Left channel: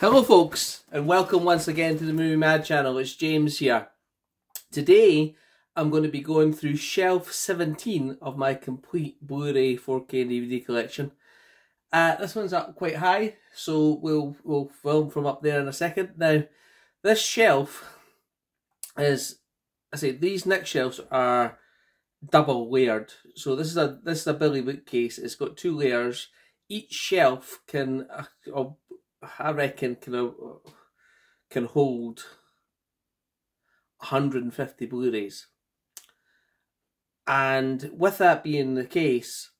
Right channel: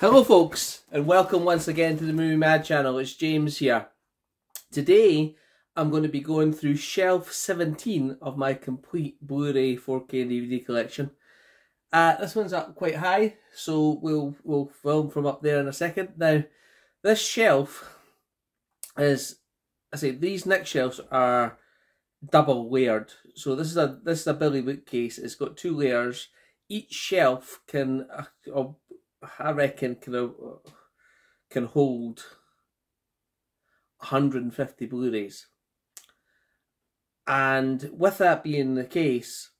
Hello folks, and welcome once again to the Movie Mad channel. It's James here. Today I'm going to be going through shelf 17 of my complete Blu-ray 4K and DVD collection. This one's up quite high, so we'll film from up there in a second. Now, this shelf is, these next shelves are double layered. So this is a Billy bookcase. It's got two layers. Each shelf can, I reckon, can hold 150 Blu-rays. And with that being the case,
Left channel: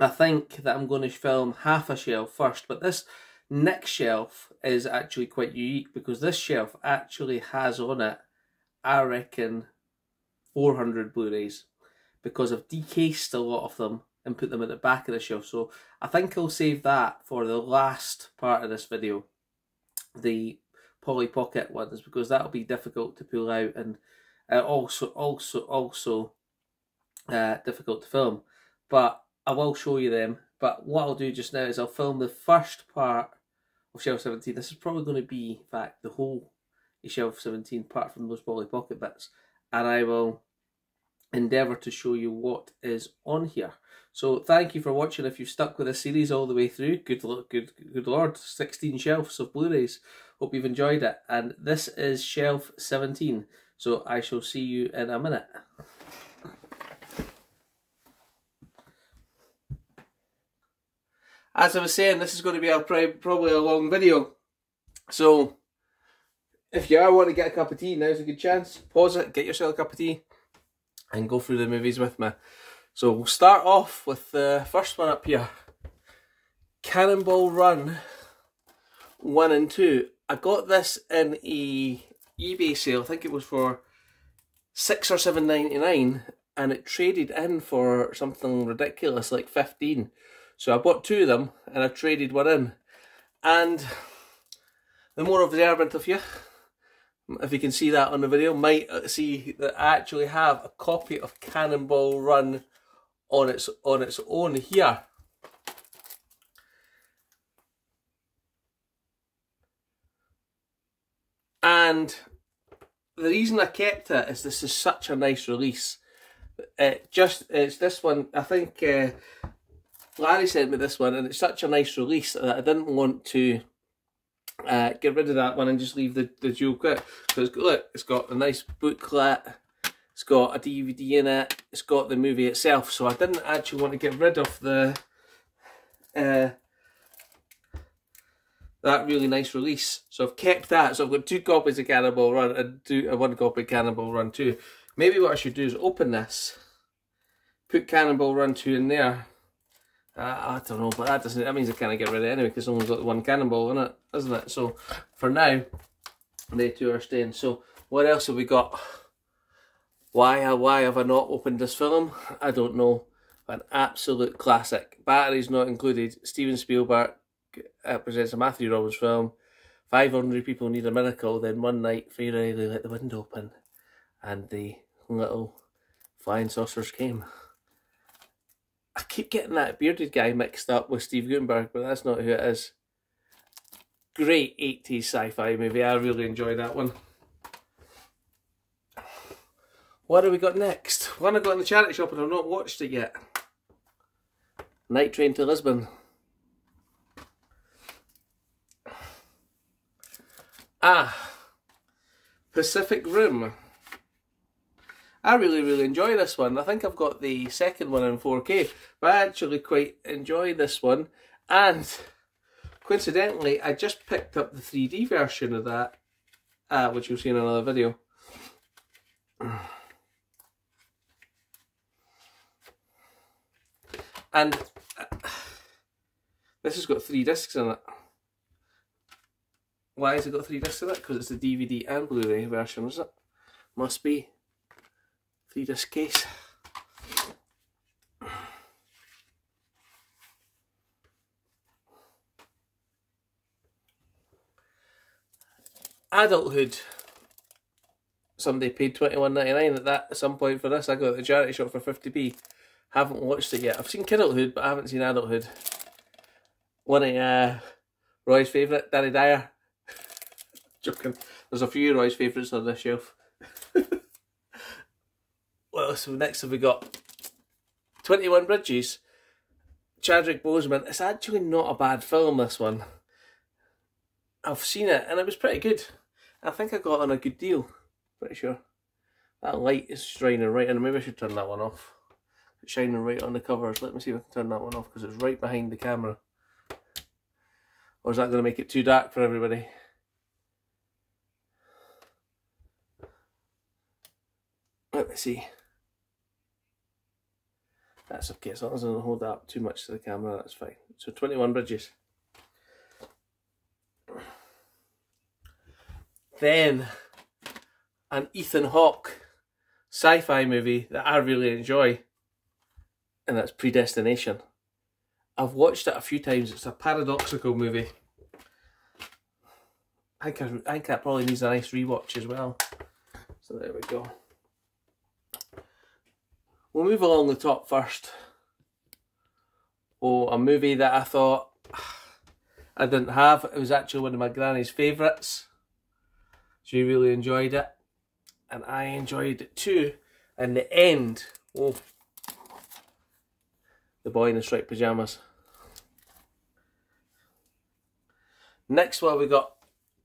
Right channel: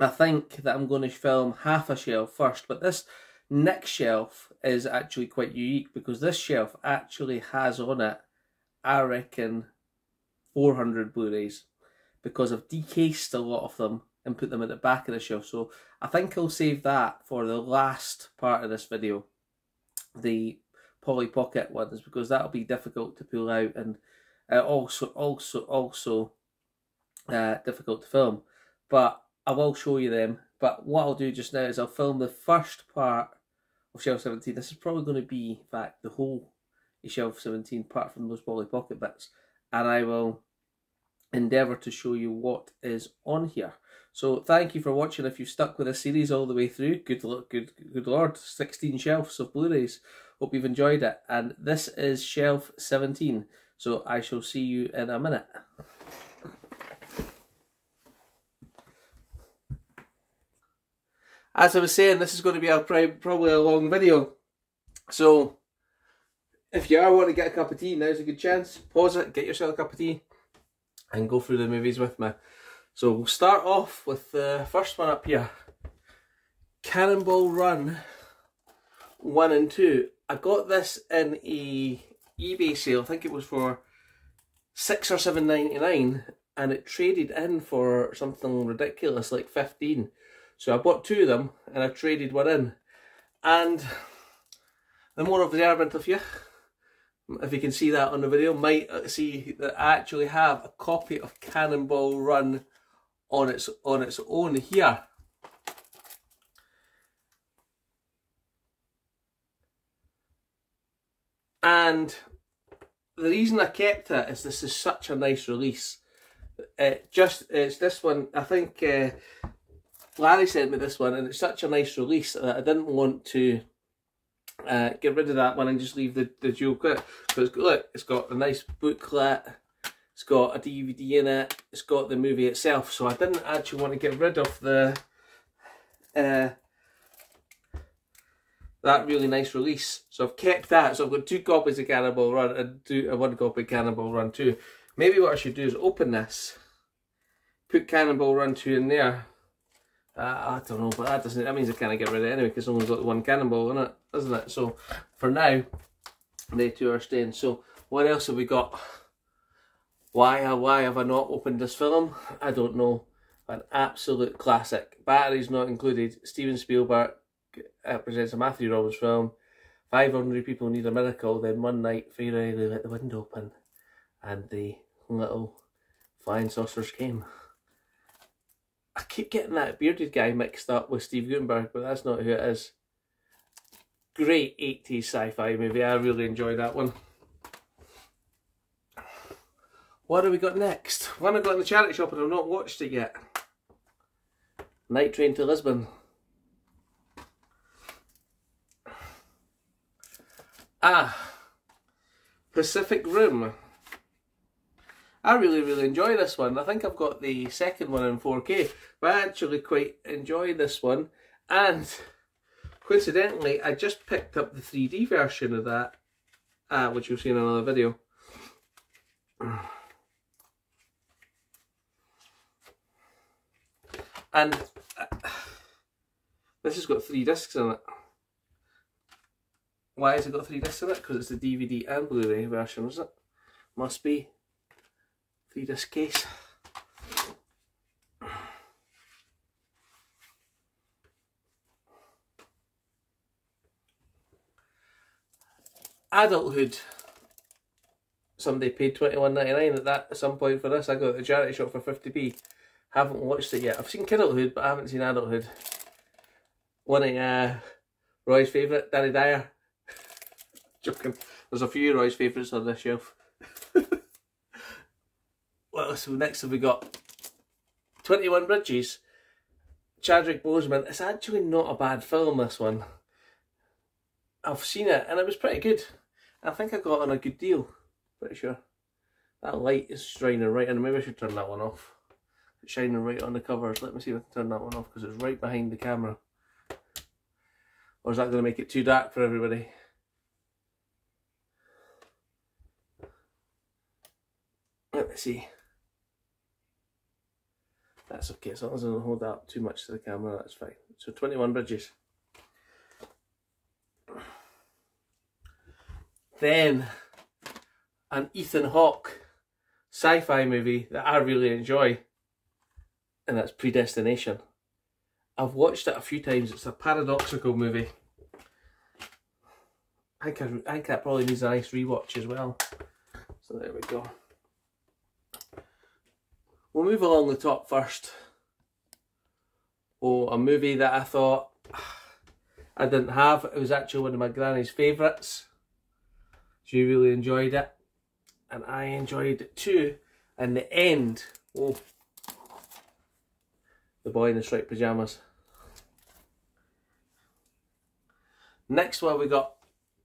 I think that I'm going to film half a shelf first. But this next shelf is actually quite unique because this shelf actually has on it, I reckon, 400 Blu-rays, because I've decased a lot of them and put them at the back of the shelf. So I think I'll save that for the last part of this video, the Polly Pocket ones, because that'll be difficult to pull out and also difficult to film. But I will show you them. But what I'll do just now is I'll film the first part of shelf 17. This is probably going to be, in fact, the whole shelf 17 apart from those Polly Pocket bits, and I will endeavour to show you what is on here. So thank you for watching. If you've stuck with this series all the way through, good lord, 16 shelves of Blu-rays. Hope you've enjoyed it. And this is shelf 17. So I shall see you in a minute. As I was saying, this is going to be probably a long video. So if you are wanting to get a cup of tea, now's a good chance. Pause it, get yourself a cup of tea, and go through the movies with me. So we'll start off with the first one up here, Cannonball Run 1 and 2. I got this in a eBay sale. I think it was for $6 or $7.99, and it traded in for something ridiculous like 15. So I bought two of them and I traded one in. And the more observant of you, if you can see that on the video, might see that I actually have a copy of Cannonball Run on its own here. And the reason I kept it is this is such a nice release. It's this one, I think Larry sent me this one, and it's such a nice release that I didn't want to get rid of that one and just leave the dual clip. Because look, it's got a nice booklet, it's got a DVD in it, it's got the movie itself. So I didn't actually want to get rid of the that really nice release. So I've kept that. So I've got two copies of Cannonball Run and one copy of Cannonball Run 2. Maybe what I should do is open this, put Cannonball Run 2 in there. I don't know, but that means I can't get rid of it anyway, because it's only got the one cannonball in it, isn't it? So for now, they two are staying. So what else have we got? Why have I not opened this film? I don't know. An absolute classic. Batteries not included. Steven Spielberg presents a Matthew Roberts film. 500 people need a miracle. Then one night, Fairy let the window open, and the little flying saucers came. I keep getting that bearded guy mixed up with Steve Guttenberg, but that's not who it is. Great 80s sci-fi movie. I really enjoyed that one. What have we got next? One I got in the charity shop and I've not watched it yet. Night Train to Lisbon. Pacific Rim. I really enjoy this one. I think I've got the second one in 4K, but I actually quite enjoy this one. And coincidentally, I just picked up the 3D version of that, which you'll see in another video. And this has got 3 discs in it. Why has it got 3 discs in it? Because it's the DVD and Blu-ray version, is it? Must be. 3-disc case. Adulthood. Somebody paid $21.99 at some point for this. I got it at the charity shop for 50p. Haven't watched it yet. I've seen Kidulthood, but I haven't seen Adulthood. One of Roy's favourite, Danny Dyer. Joking. There's a few Roy's favourites on this shelf. Well, so next have we got 21 Bridges. Chadwick Boseman. It's actually not a bad film, this one. I've seen it and it was pretty good. I think I got it on a good deal. Pretty sure. That light is shining right in. Maybe I should turn that one off. It's shining right on the covers. Let me see if I can turn that one off because it's right behind the camera. Or is that going to make it too dark for everybody? Let me see. That's okay, as long as I don't hold that up too much to the camera, that's fine. So 21 Bridges. Then, an Ethan Hawke sci-fi movie that I really enjoy, and that's Predestination. I've watched it a few times. It's a paradoxical movie. I think that probably needs a nice rewatch as well. So there we go. We'll move along the top first. Oh, a movie that I thought I didn't have. It was actually one of my granny's favourites. She really enjoyed it. And I enjoyed it too. And the end. Oh. The Boy in the Striped Pyjamas. Next one we got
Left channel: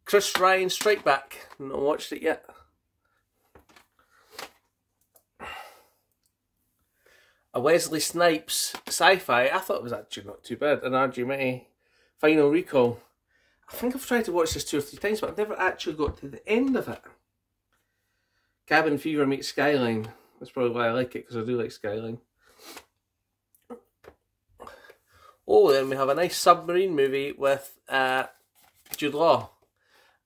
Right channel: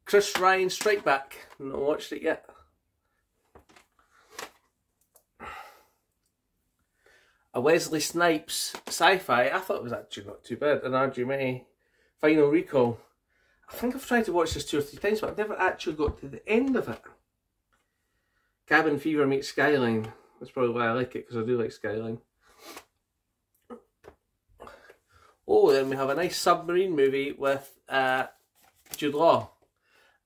Chris Ryan Strike Back. Not watched it yet. A Wesley Snipes sci-fi. I thought it was actually not too bad. An Arjumete Final Recall. I think I've tried to watch this 2 or 3 times, but I've never actually got to the end of it. Cabin Fever meets Skyline. That's probably why I like it, because I do like Skyline. Oh, then we have a nice submarine movie with Jude Law.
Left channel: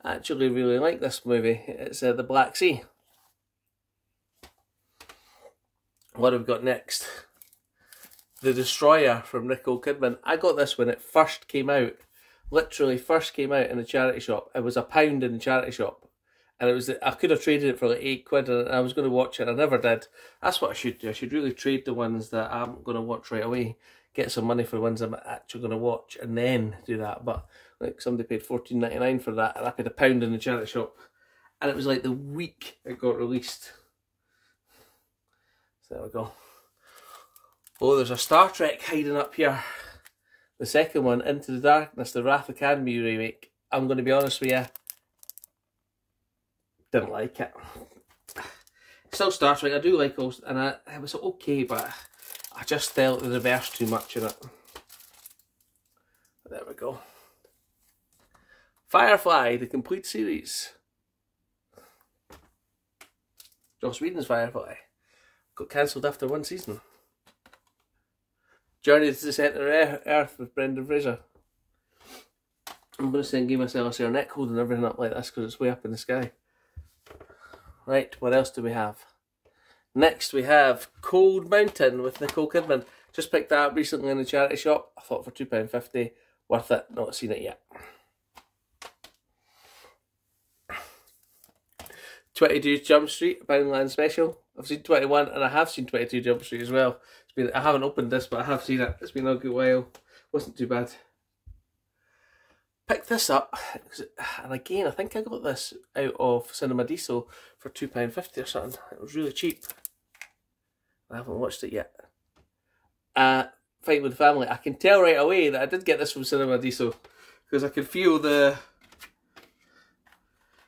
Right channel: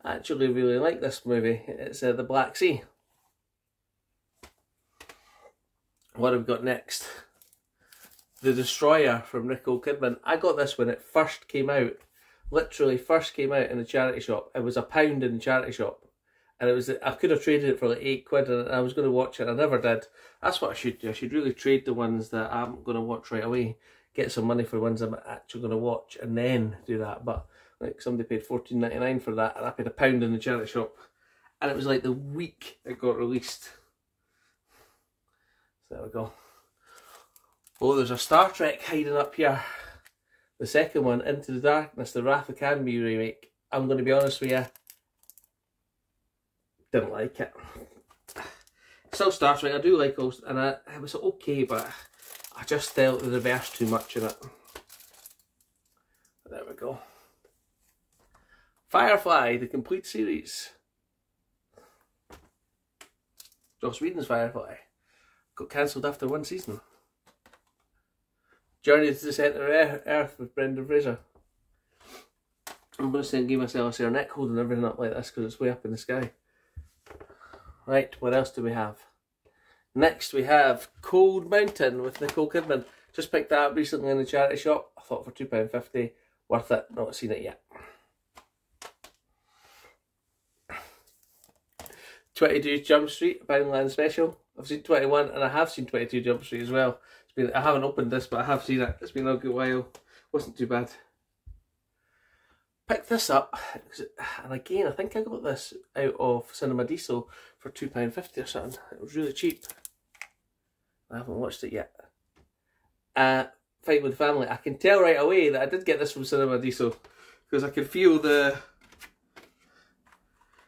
I actually really like this movie. It's The Black Sea. What have we got next? The Destroyer from Nicole Kidman. I got this when it first came out. Literally first came out in a charity shop. It was £1 in the charity shop. And it was, I could have traded it for like £8 and I was going to watch it. I never did. That's what I should do. I should really trade the ones that I'm going to watch right away. Get some money for the ones I'm actually going to watch and then do that. But like somebody paid $14.99 for that and I paid £1 in the charity shop. And it was like the week it got released. So there we go. Oh, there's a Star Trek hiding up here. The second one, Into the Darkness, the Wrath Academy remake. I'm going to be honest with you. Didn't like it. Still Star Trek, I do like those, and it was okay, but I just felt the reverse too much in it. There we go. Firefly, the complete series. Joss Whedon's Firefly. Got cancelled after 1 season. Journey to the Centre of Earth with Brendan Fraser. I'm going to give myself a neck holding everything up like this because it's way up in the sky. Right, what else do we have? Next we have Cold Mountain with Nicole Kidman. Just picked that up recently in the charity shop. I thought for £2.50. Worth it. Not seen it yet. 22 Jump Street, Poundland Special. I've seen 21 and I have seen 22 Jump Street as well. It's been, I haven't opened this, but I have seen it. It's been a good while. Wasn't too bad. Picked this up, and again, I think I got this out of Cinema Diesel for £2.50 or something. It was really cheap. I haven't watched it yet. Fight with the Family. I can tell right away that I did get this from Cinema Diesel because I could feel the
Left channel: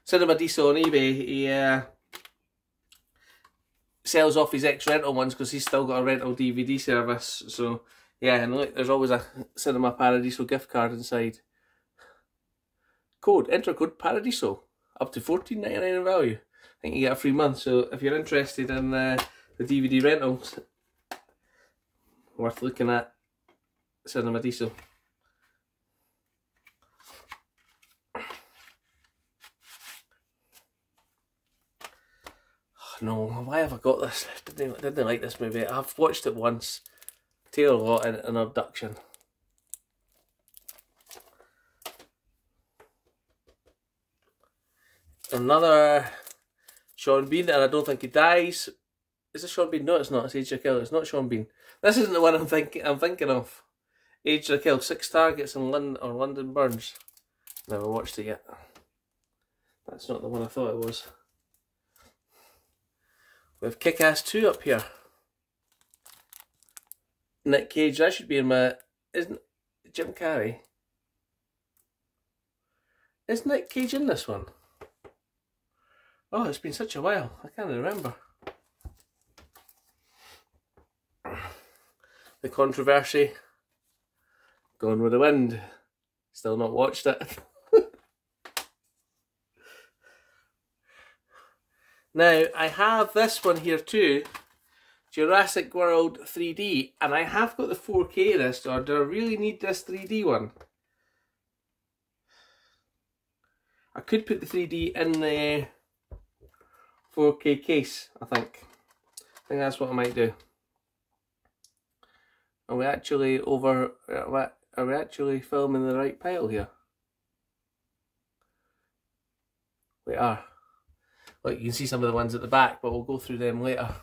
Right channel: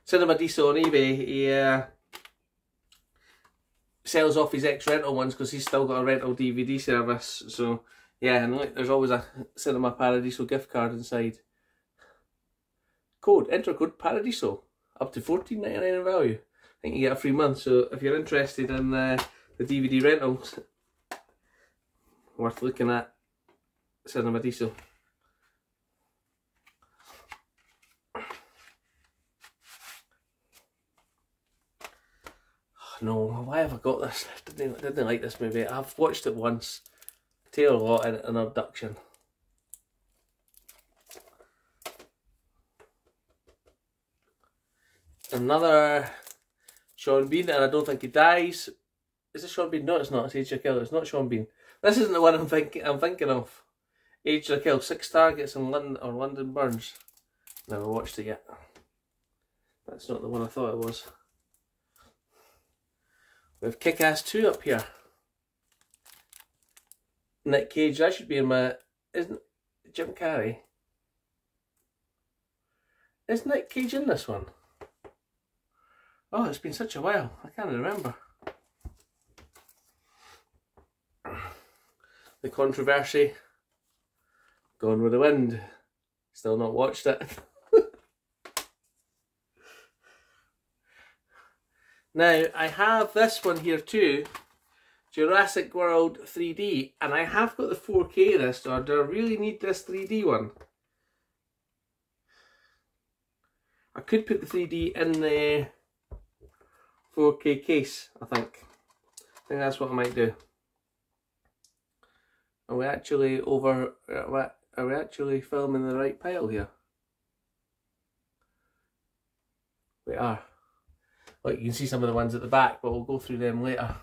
Cinema Diesel on eBay. He sells off his ex-rental ones because he's still got a rental DVD service. So yeah, and look, there's always a Cinema Paradiso gift card inside. Enter code Paradiso, up to $14.99 in value. I think you get a free month, so if you're interested in the DVD rentals, worth looking at Cinema Diesel. Oh, no, why have I got this? I didn't like this movie. I've watched it once. Tear a lot in An Abduction. Another Sean Bean, and I don't think he dies. Is it Sean Bean? No, it's not. It's Age to Kill. It's not Sean Bean. This isn't the one I'm thinking of. Age to Kill. 6 targets in London Burns. Never watched it yet. That's not the one I thought it was. We have Kick-Ass 2 up here. Nick Cage, that should be in my... Isn't Jim Carrey? Is Nick Cage in this one? Oh, it's been such a while. I can't remember. The Controversy. Gone with the Wind. Still not watched it. Now, I have this one here too. Jurassic World 3D. And I have got the 4K this, or do I really need this 3D one? I could put the 3D in the 4K case, I think. I think that's what I might do. Are we actually are we actually filming the right pile here? We are. Look, you can see some of the ones at the back, but we'll go through them later.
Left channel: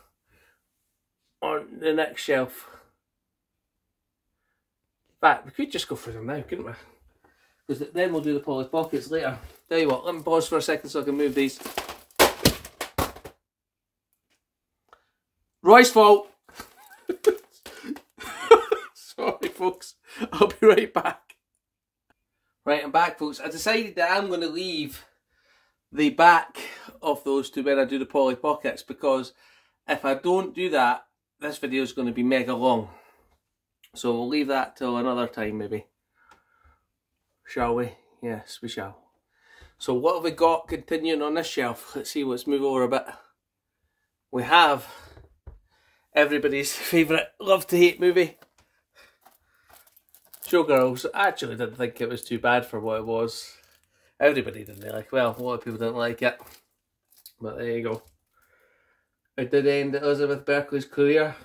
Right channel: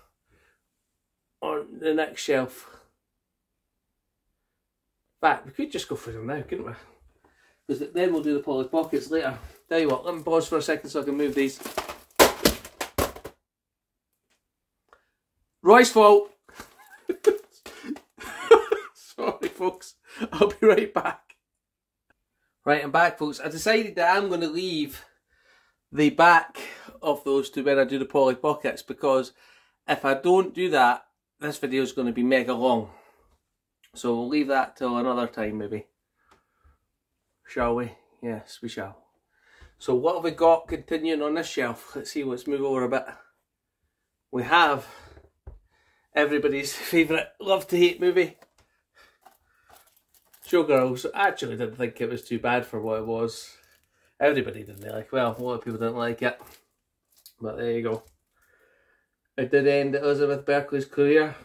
On the next shelf. In fact, we could just go through them now, couldn't we? Because then we'll do the Polly Pockets later. Tell you what, let me pause for a second so I can move these. Roy's fault. Sorry folks, I'll be right back. Right, I'm back folks. I decided that I'm going to leave the back of those to when I do the Polly Pockets, because if I don't do that, this video is going to be mega long. So we'll leave that till another time maybe. Shall we? Yes, we shall. So what have we got continuing on this shelf? Let's see, let's move over a bit. We have everybody's favourite love to hate movie, Showgirls. I actually didn't think it was too bad for what it was. Everybody didn't like, well, a lot of people didn't like it. But there you go. It did end Elizabeth Berkley's career.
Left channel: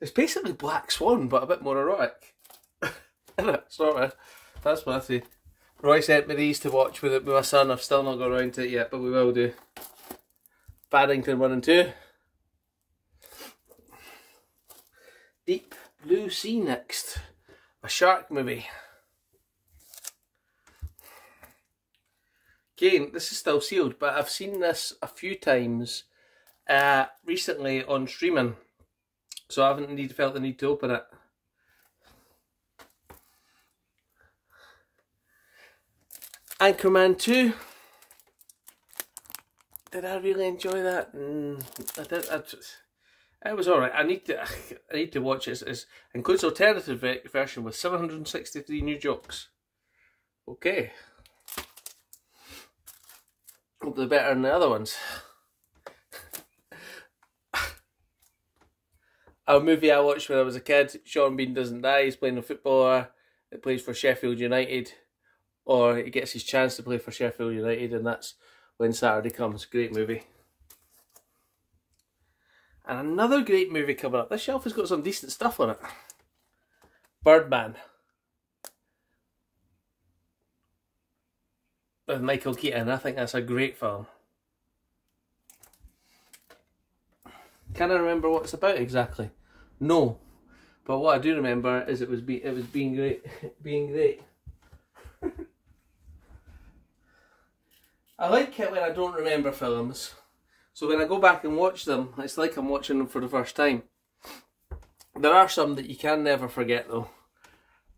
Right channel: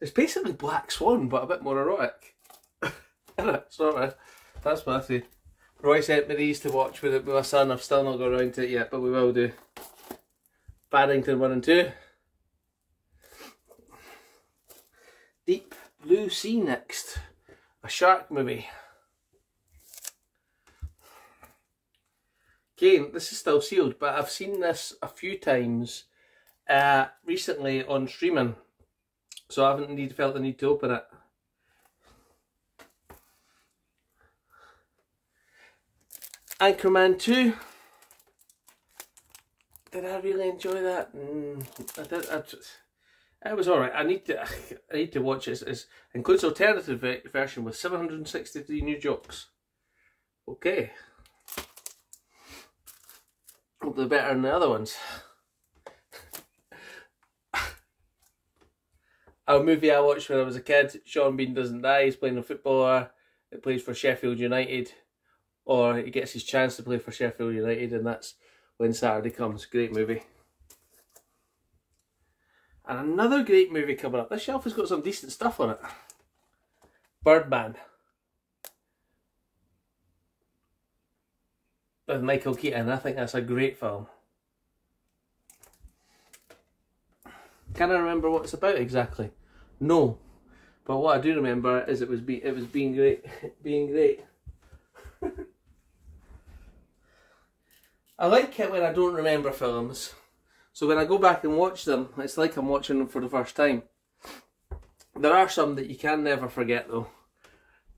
It's basically Black Swan, but a bit more erotic. Isn't it? Sort of. That's what I see. Roy sent me these to watch with my son. I've still not got around to it yet, but we will do. Paddington 1 and 2. Deep Blue Sea next. A shark movie. Again, this is still sealed, but I've seen this a few times recently on streaming, so I haven't felt the need to open it. Anchorman 2. Did I really enjoy that? I did. It was alright. I need to watch it. It includes an alternative version with 763 new jokes. Okay. Hopefully better than the other ones. A movie I watched when I was a kid. Sean Bean Doesn't Die. He's playing a footballer that plays for Sheffield United. Or he gets his chance to play for Sheffield United, and that's When Saturday Comes. Great movie. And another great movie coming up. This shelf has got some decent stuff on it. Birdman. With Michael Keaton. I think that's a great film. Can I remember what it's about exactly? No. But what I do remember is it was being great. Being great. I like it when I don't remember films. So when I go back and watch them, it's like I'm watching them for the first time. There are some that you can never forget though.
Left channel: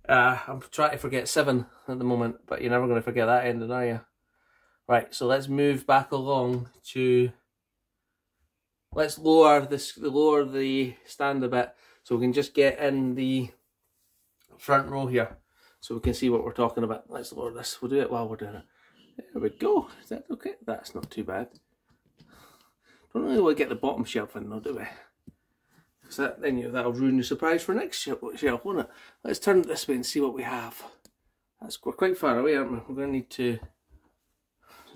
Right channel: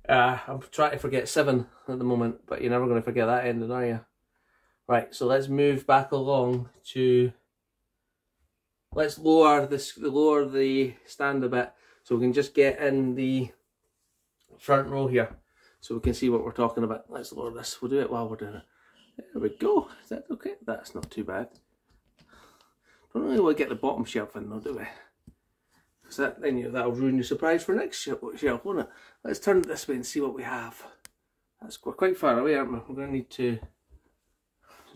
I'm trying to forget 7 at the moment, but you're never going to forget that ending, are you? Right, so let's move back along to... Let's lower the stand a bit so we can just get in the front row here so we can see what we're talking about. Let's lower this. We'll do it while we're doing it. There we go. Is that okay? That's not too bad. Don't really want to get the bottom shelf in though, do we? Because that'll ruin the surprise for next shelf, won't it? Let's turn it this way and see what we have. We're quite far away, aren't we? We're going to need to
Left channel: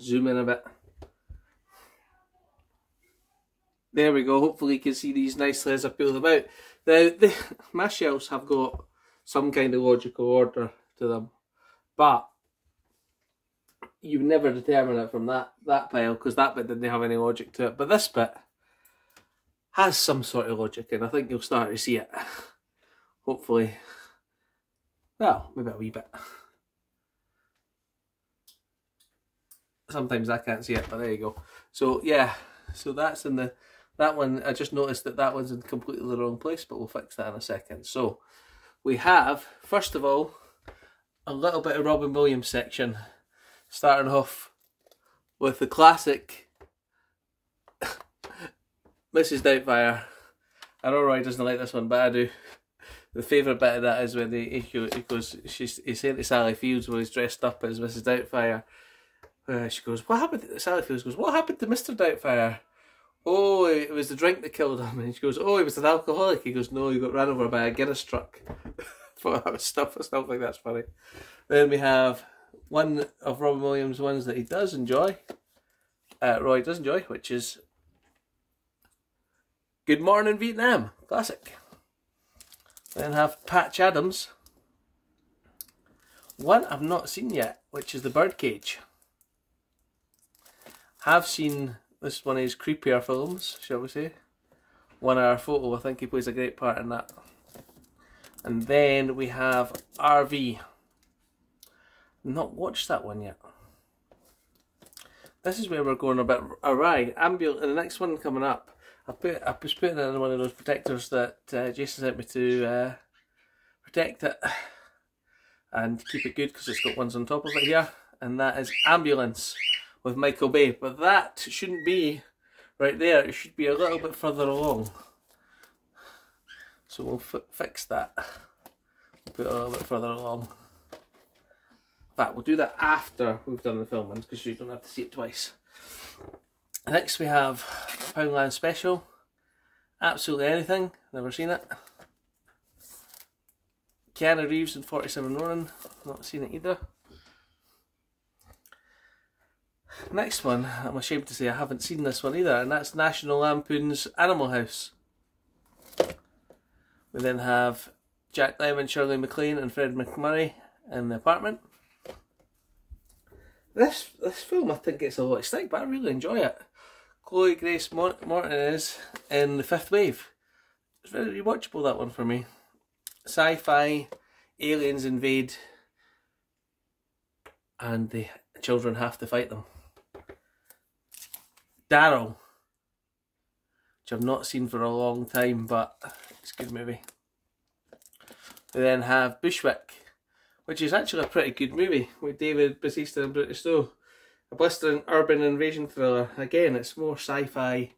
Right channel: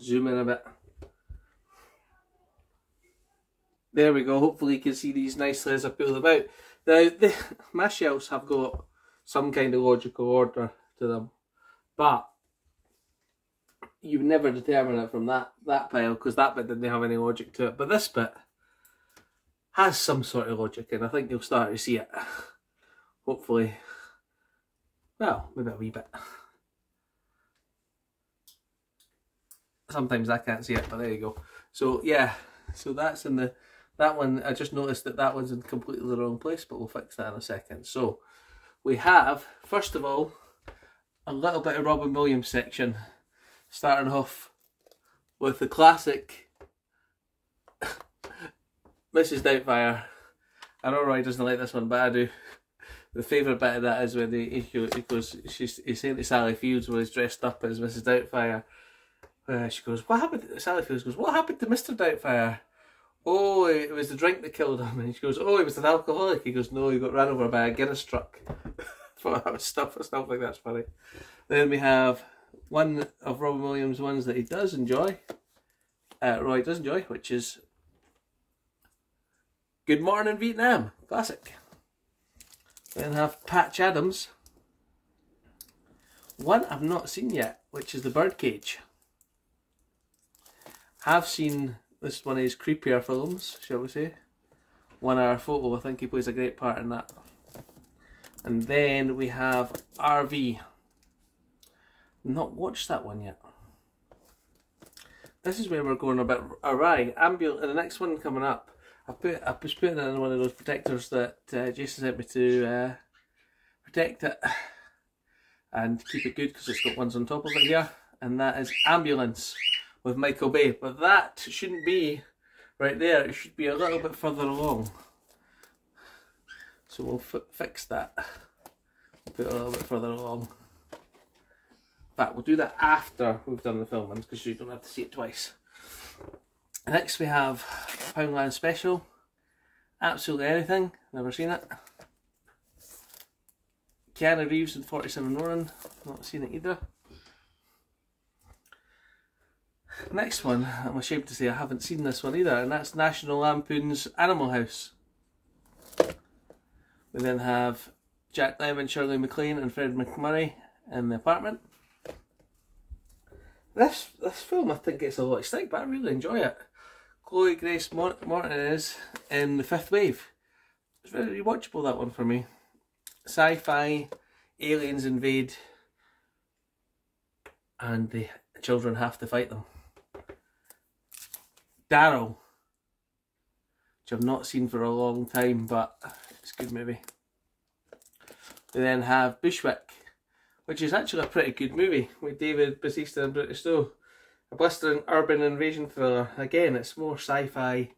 zoom in a bit. There we go. Hopefully you can see these nicely as I peel them out. My shelves have got some kind of logical order to them, but you would never determine it from that pile, because that bit didn't have any logic to it. But this bit has some sort of logic, and I think you'll start to see it. Hopefully. Well, maybe a wee bit. sometimes I can't see it, but there you go. So yeah, so that's in the, that one, I just noticed that that one's in completely the wrong place, but we'll fix that in a second. So we have, first of all, a little bit of Robin Williams section, starting off with the classic Mrs. Doubtfire. I know Roy doesn't like this one, but I do. The favourite bit of that is when he goes, he's saying to Sally Fields when he's dressed up as Mrs. Doubtfire. She goes, what happened? Sally Fields goes, what happened to Mr. Doubtfire? Oh, it was the drink that killed him. And she goes, oh, he was an alcoholic. He goes, no, he got ran over by a Guinness truck. stuff like that's funny. Then we have one of Robin Williams' ones that he does enjoy. Roy does enjoy, which is Good Morning Vietnam, classic. Then have Patch Adams. One I've not seen yet, which is The Birdcage. Have seen this one of his creepier films, shall we say. 1 Hour Photo, I think he plays a great part in that. And then we have RV. Not watched that one yet. This is where we're going a bit awry. The next one coming up, I was putting it in one of those protectors that Jason sent me to protect it and keep it good, because it's got ones on top of it here. And that is Ambulance with Michael Bay. But that shouldn't be right there. It should be a little bit further along. So we'll fix that. Put it a little bit further along. In fact, we'll do that after we've done the film ones, because you don't have to see it twice. Next we have Poundland Special. Absolutely Anything. Never seen it. Keanu Reeves and 47 Ronin. Not seen it either. Next one, I'm ashamed to say I haven't seen this one either, and that's National Lampoon's Animal House. We then have Jack Lemmon, Shirley MacLaine and Fred McMurray in The Apartment. This film, I think it's a lot of stick, but I really enjoy it. Chloe Grace Moretton is in The Fifth Wave. It's very rewatchable, that one for me. Sci-fi, aliens invade, and the children have to fight them. Daryl, which I've not seen for a long time, but it's a good movie. We then have Bushwick, which is actually a pretty good movie with David Bautista and Britta Snow. A blistering urban invasion thriller. Again, it's more sci-fi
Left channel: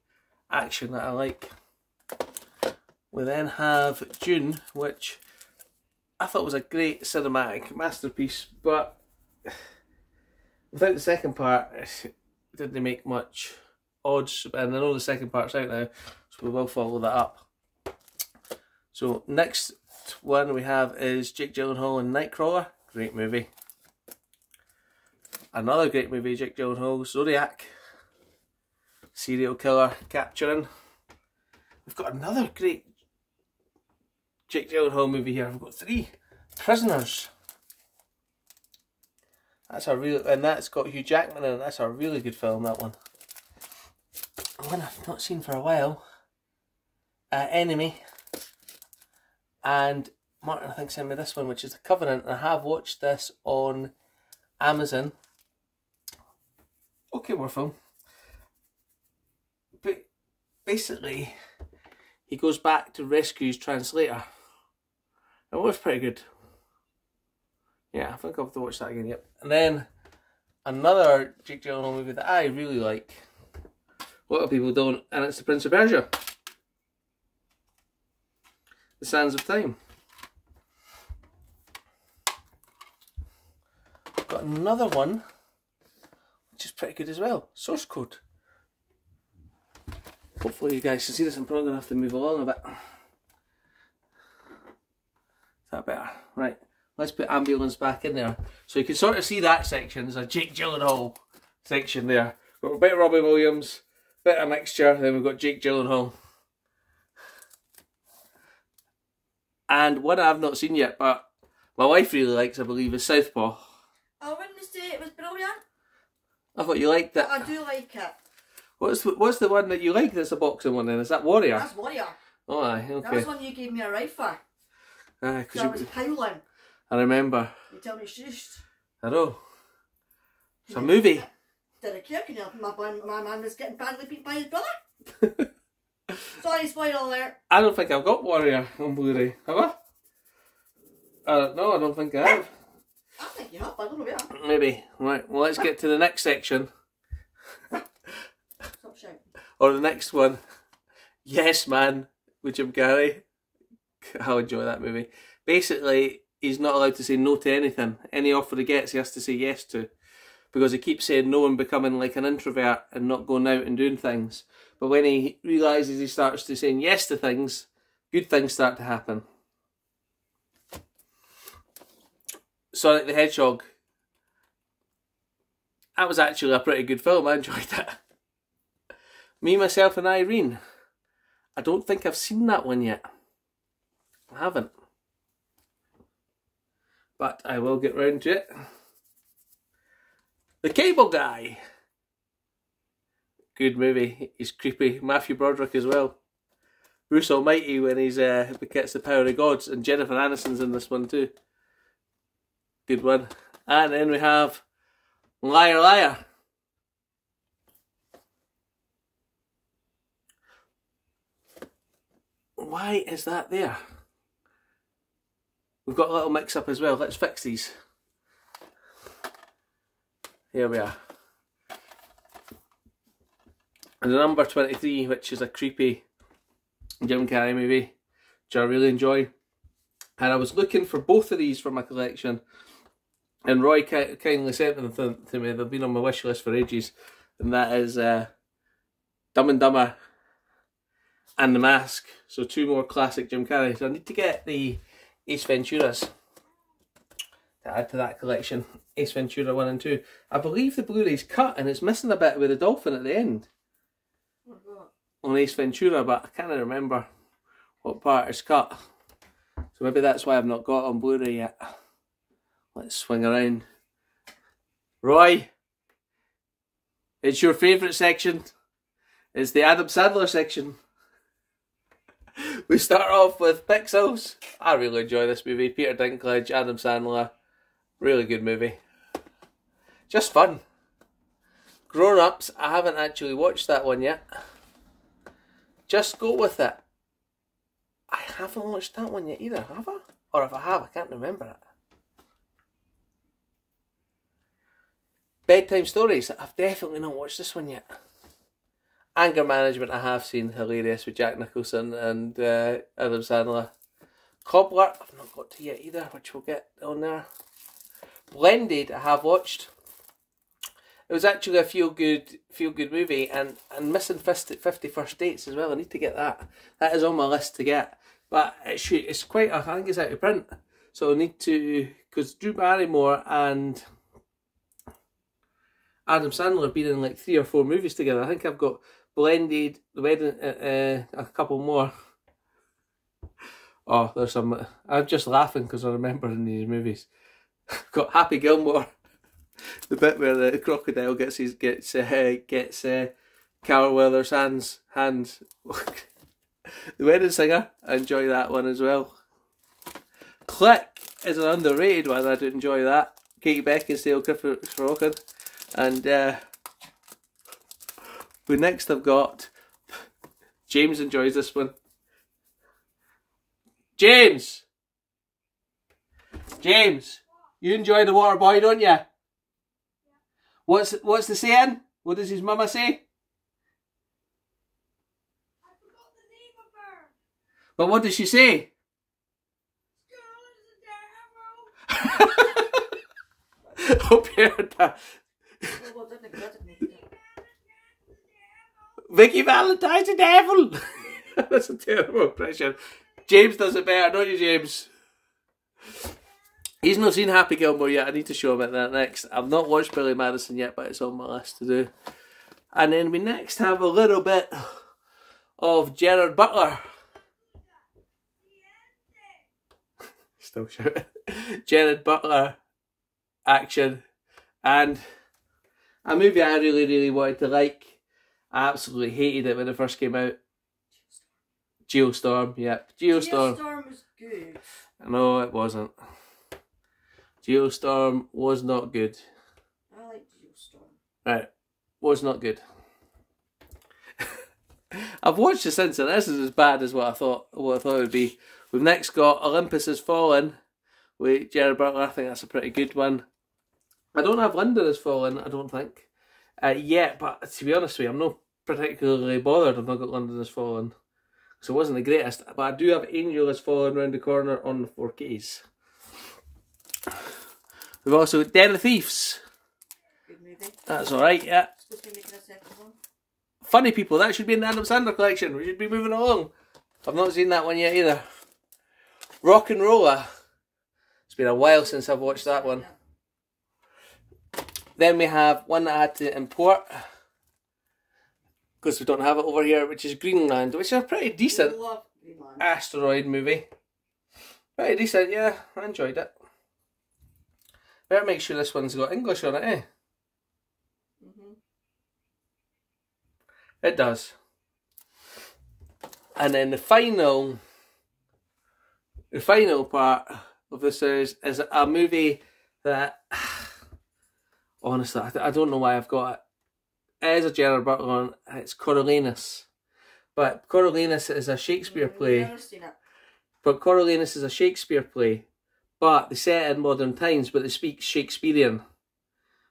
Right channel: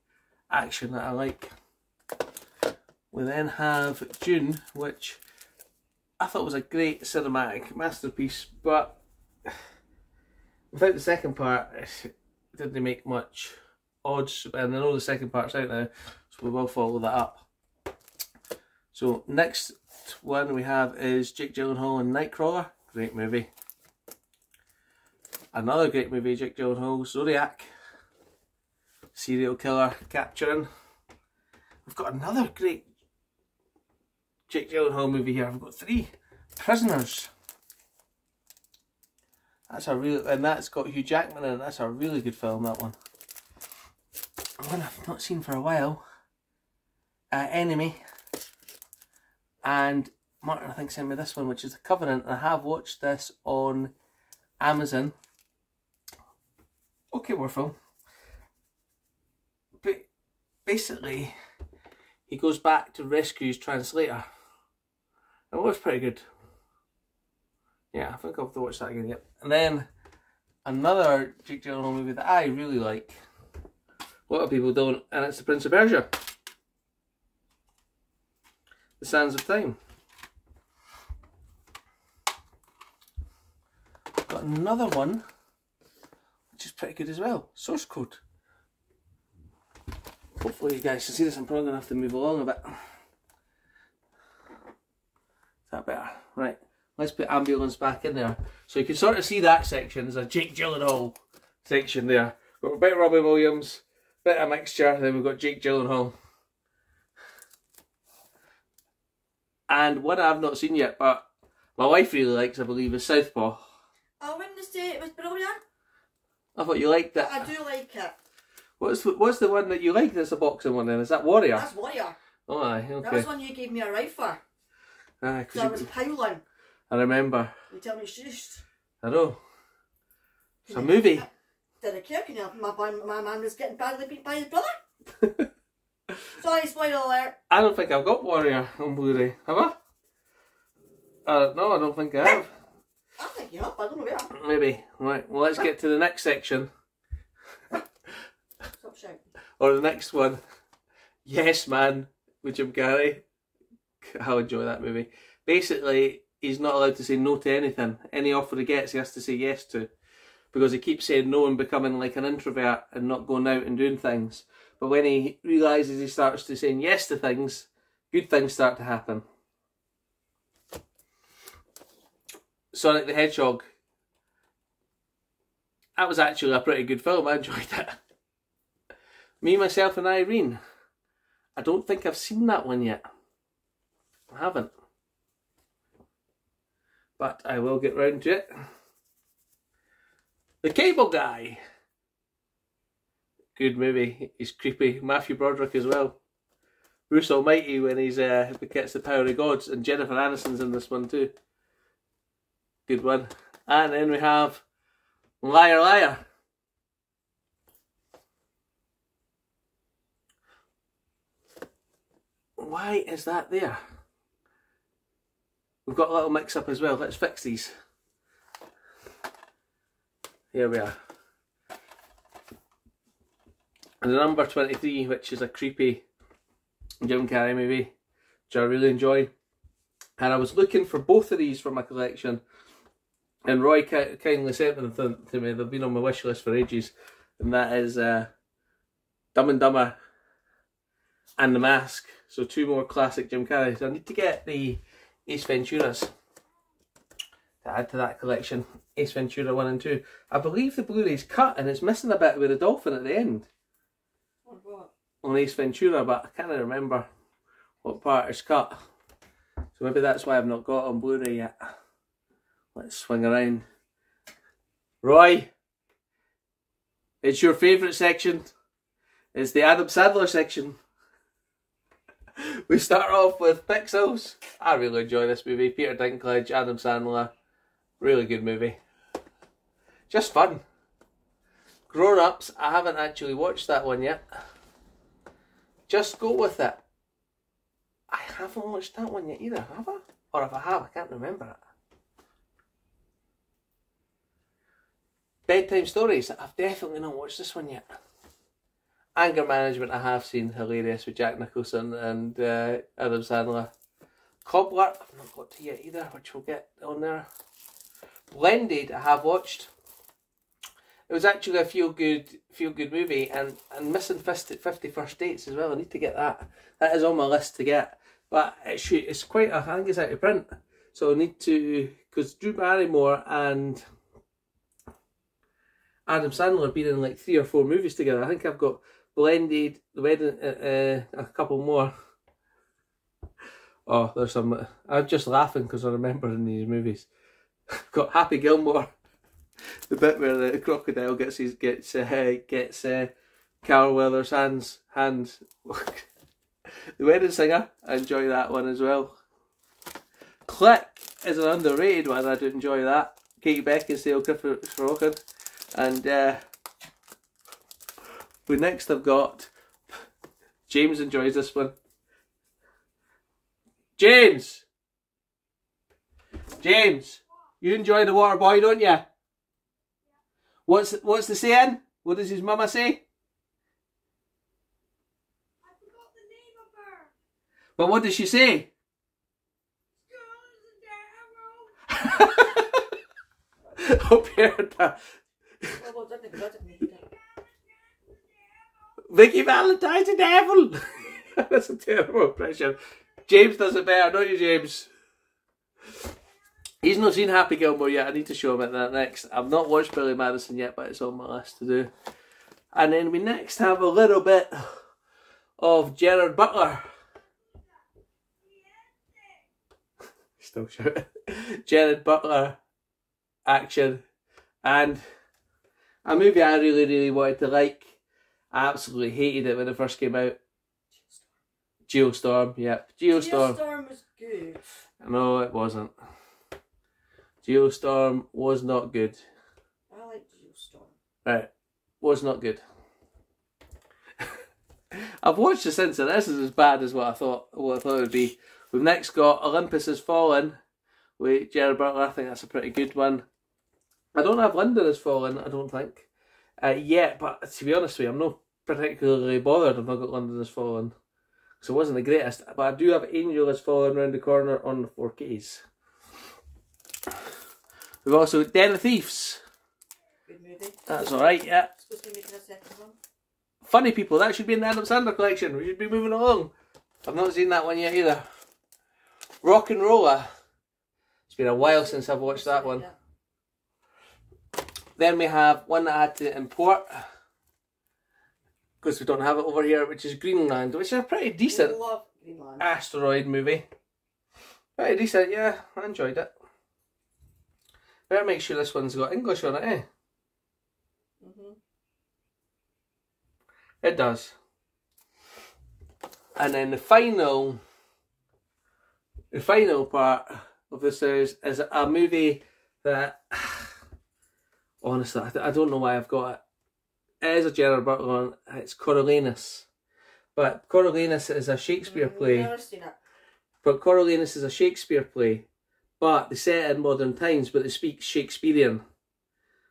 action that I like. We then have Dune, which I thought was a great cinematic masterpiece, but without the second part, it didn't make much odds. And I know the second part's out now, so we will follow that up. So next one we have is Jake Gyllenhaal and Nightcrawler. Great movie. Another great movie, Jake Gyllenhaal, Zodiac. Serial killer capturing. We've got another great Jake Gyllenhaal movie here. We've got 3. Prisoners. That's a real, and that's got Hugh Jackman in it. That's a really good film, that one. One I've not seen for a while. Enemy. And Martin, I think, sent me this one, which is The Covenant. I have watched this on Amazon. Okay, war film. But basically, he goes back to rescue his translator. It was pretty good. Yeah, I think I'll have to watch that again, yep. And then another Jake Gyllenhaal movie that I really like. A lot of people don't, and it's The Prince of Persia. The Sands of Time. Got another one, which is pretty good as well. Source Code. Hopefully you guys can see this. I'm probably going to have to move along a bit. Is that better? Right. Let's put Ambulance back in there. So you can sort of see that section. There's a Jake Gyllenhaal section there. Got a bit of Robin Williams, bit of mixture, then we've got Jake Gyllenhaal. And one I've not seen yet, but my wife really likes, I believe, is Southpaw. I wouldn't say it was brilliant. I thought you liked it. But I do like it. What's the one that you like that's a boxing one then? Is that Warrior? That's Warrior. Oh aye, okay. That was one you gave me a ride for. Aye, So I was howling. I remember. You tell me shush. I know. It's a movie. didn't care, you know, my man was getting badly beat by his brother. Sorry, spoiler alert. I don't think I've got Warrior on Blu-ray. Have I? No, I don't think I have. I think you have, I don't know where. Maybe. Right, well, let's get to the next section. Stop shouting. Or the next one. Yes Man with Jim Carrey. I'll enjoy that movie. Basically, he's not allowed to say no to anything. Any offer he gets, he has to say yes to. Because he keeps saying no and becoming like an introvert and not going out and doing things. But when he realises he starts to saying yes to things, good things start to happen. Sonic the Hedgehog. That was actually a pretty good film. I enjoyed it. Me, Myself and Irene. I don't think I've seen that one yet. I haven't. But I will get round to it. The Cable Guy. Good movie. He's creepy. Matthew Broderick as well. Bruce Almighty when he gets the power of gods. And Jennifer Aniston's in this one too. Good one. And then we have Liar Liar. Why is that there? We've got a little mix up as well. Let's fix these. Here we are. And the number 23, which is a creepy Jim Carrey movie, which I really enjoy. And I was looking for both of these for my collection. And Roy kindly sent them to me. They've been on my wish list for ages. And that is Dumb and Dumber and The Mask. So 2 more classic Jim Carrey. So I need to get the Ace Venturas to add to that collection. Ace Ventura 1 and 2. I believe the Blu-ray's cut and it's missing a bit with the dolphin at the end. What? On Ace Ventura, but I can't remember what part is cut. So maybe that's why I've not got it on Blu-ray yet. Let's swing around. Roy, it's your favourite section. It's the Adam Sandler section. We start off with Pixels. I really enjoy this movie. Peter Dinklage, Adam Sandler. Really good movie. Just fun. Grown Ups, I haven't actually watched that one yet. Just Go With It. I haven't watched that one yet either, have I? Or if I have, I can't remember it. Bedtime Stories, I've definitely not watched this one yet. Anger Management, I have seen, hilarious with Jack Nicholson and Adam Sandler. Cobbler, I've not got to yet either, which we'll get on there. Blended, I have watched. It was actually a feel good movie, and missing 50 First Dates as well. I need to get that. That is on my list to get, but it's quite. I think it's out of print, so I need to, because Drew Barrymore and Adam Sandler have been in like 3 or 4 movies together. I think I've got Blended, The Wedding, a couple more. Oh, there's some. I'm just laughing because I remember in these movies. Got Happy Gilmore, the bit where the crocodile gets Carl Weathers' hands. The Wedding Singer, I enjoy that one as well. Click is an underrated one. I do enjoy that. Katie Beckinsale, Clifford Walken. And next I've got, James enjoys this one. James, you enjoy The Water Boy, don't you? What's the saying? What does his mama say? I forgot the name of her. But what does she say? Hope you heard that. Vicky Valentine's the devil. That's a terrible impression. James does it better, don't you, James? He's not seen Happy Gilmore yet. I need to show him that next. I've not watched Billy Madison yet, but it's on my list to do. And then we next have a little bit of Gerard Butler. Still shouting. Gerard Butler action. And a movie I really wanted to like. I absolutely hated it when it first came out. Geostorm, yep. Geostorm. Geostorm was good. No, it wasn't. Geostorm was not good. I like Geostorm. Right. was not good. I've watched it since, and this is as bad as what I thought it would be. We've next got Olympus Has Fallen with Gerard Butler. I think that's a pretty good one. I don't have London Has Fallen, I don't think, yet, but to be honest with you, I'm not particularly bothered if I got London Has Fallen, so it wasn't the greatest, but I do have Angel Has Fallen round the corner on the 4Ks. We've also got Den of Thieves. Good movie. That's alright, yeah. Supposed to be making a second one. Funny People, that should be in the Adam Sandler collection. We should be moving along. I've not seen that one yet either. Rock and Roller. It's been a while since I've watched that one. Then we have one that I had to import because we don't have it over here, which is Greenland, which is a pretty decent asteroid movie. Pretty decent, yeah. I enjoyed it. Better make sure this one's got English on it, eh? It does. And then the final part of this is a movie that, honestly, I don't know why I've got it. It is a Gerard Butler one. It's Coriolanus. But Coriolanus is a Shakespeare play. I've never seen it. But Coriolanus is a Shakespeare play. But they set it in modern times, but they speak Shakespearean.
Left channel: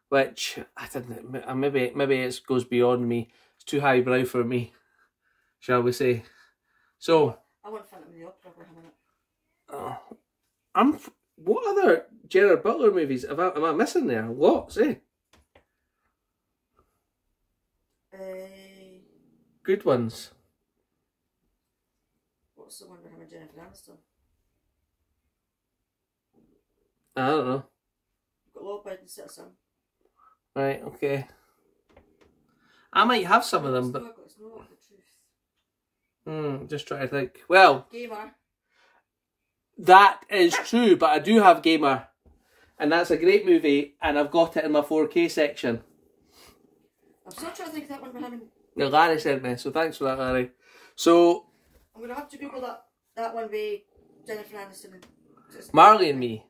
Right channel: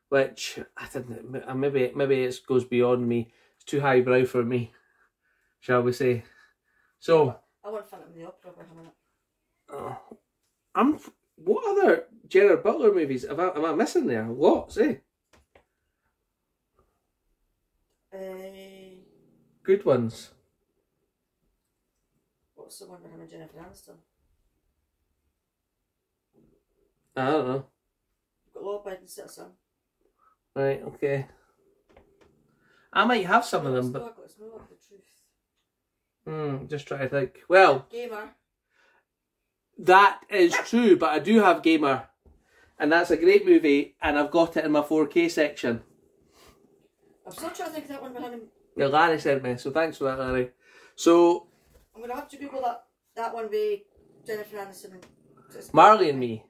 Which, I didn't, maybe it goes beyond me. It's too highbrow for me, shall we say. So, I want Phantom of the Opera for him in it. What other Gerard Butler movies am I missing there? Lots, eh? Good ones. What's the one with him and Jennifer Aniston? I don't know. You've got Law Abiding Citizen. Right, okay. I might have some of them, but... It's not the truth. Just trying to think. Well... Gamer. That is true, but I do have Gamer. And that's a great movie, and I've got it in my 4K section. I'm still trying to think of that one with him. Yeah, Larry sent me, so thanks for that, Larry. So... I'm going to have to Google that one with Jennifer Aniston. Marley and Me.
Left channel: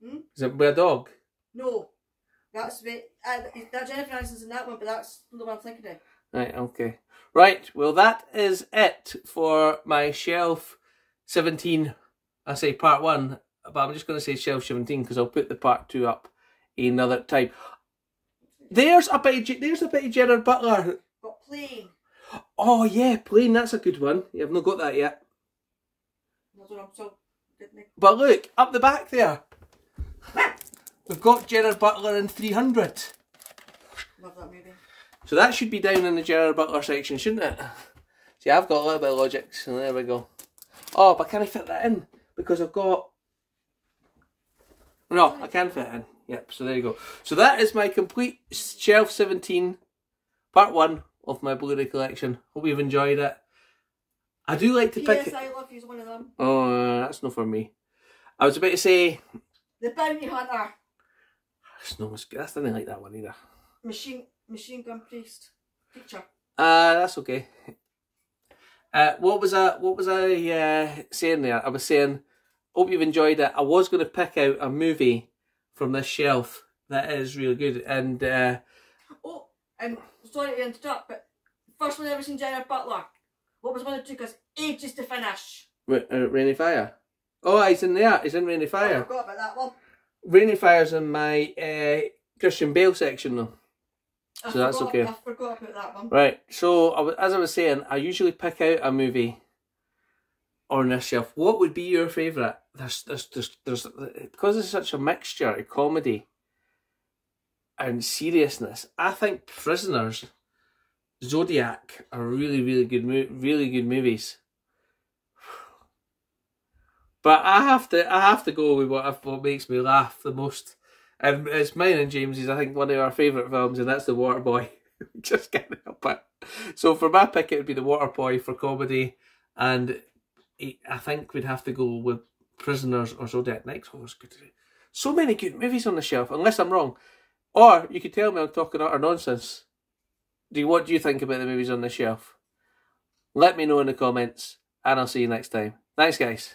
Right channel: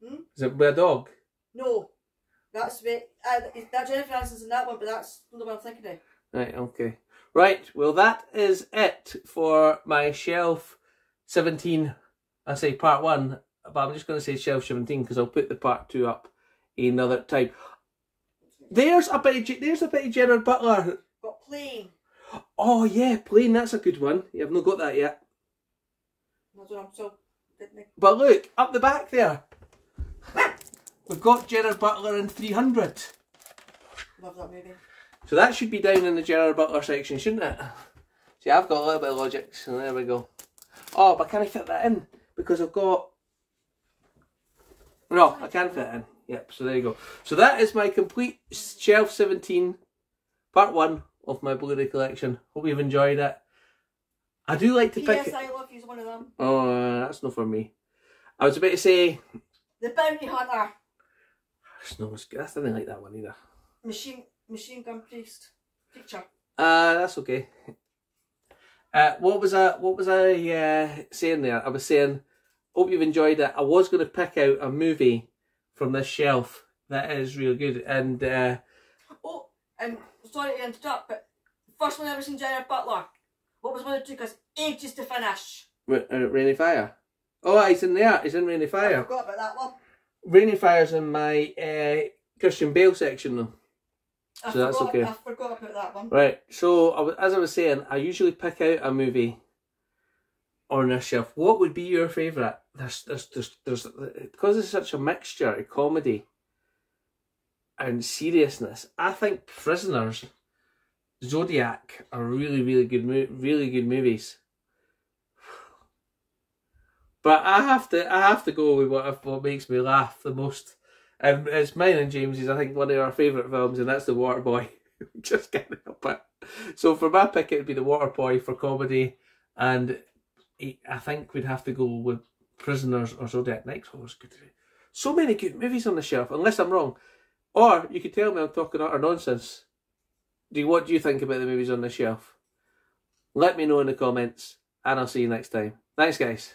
Is it with a dog? No. That's that Jennifer Aniston's in that one, but that's the one I'm thinking of. Right, okay. Right, well that is it for my Shelf 17, I say part 1, but I'm just going to say Shelf 17 because I'll put the part 2 up another time. There's a bit of Gerard Butler. Got Plane. Oh yeah, Plane, that's a good one. Yeah, I've not got that yet. But look, up the back there. We've got Gerard Butler in 300. Love that movie. So that should be down in the Gerard Butler section, shouldn't it? See, I've got a little bit of logic, so there we go. Oh, but can I fit that in? Because I've got... No, I can fit it in. Yep, so there you go. So that is my complete Shelf 17, part 1 of my Blu Ray collection. Hope you've enjoyed it. I do like to pick... Yes, I Love You's one of them. Oh, that's not for me. I was about to say... The Bounty Hunter. That's nothing like that one either. Machine Gun Priest. Picture. That's okay. What was I saying there? I was saying, hope you've enjoyed it. I was going to pick out a movie from this shelf that is really good. And I'm sorry to interrupt, but the first one I ever seen Gerard Butler. What was one that took us ages to finish? Rainy Fire. Oh, he's in there. He's in Rainy Fire. I forgot about that one. Rainy Fire's in my Christian Bale section though. So that's okay. I forgot about that one. Right, so as I was saying, I usually pick out a movie on this shelf. What would be your favourite? There's because it's such a mixture of comedy and seriousness. I think Prisoners, Zodiac are really good movies. But I have to go with what makes me laugh the most. And it's mine and James's, I think, one of our favourite films, and that's The Waterboy. Just can't help it. So for my pick, it would be The Waterboy for comedy, and I think we'd have to go with Prisoners or Zodiac. Next was good. So many good movies on the shelf, unless I'm wrong. Or you could tell me I'm talking utter nonsense. What do you think about the movies on the shelf? Let me know in the comments, and I'll see you next time. Thanks, guys.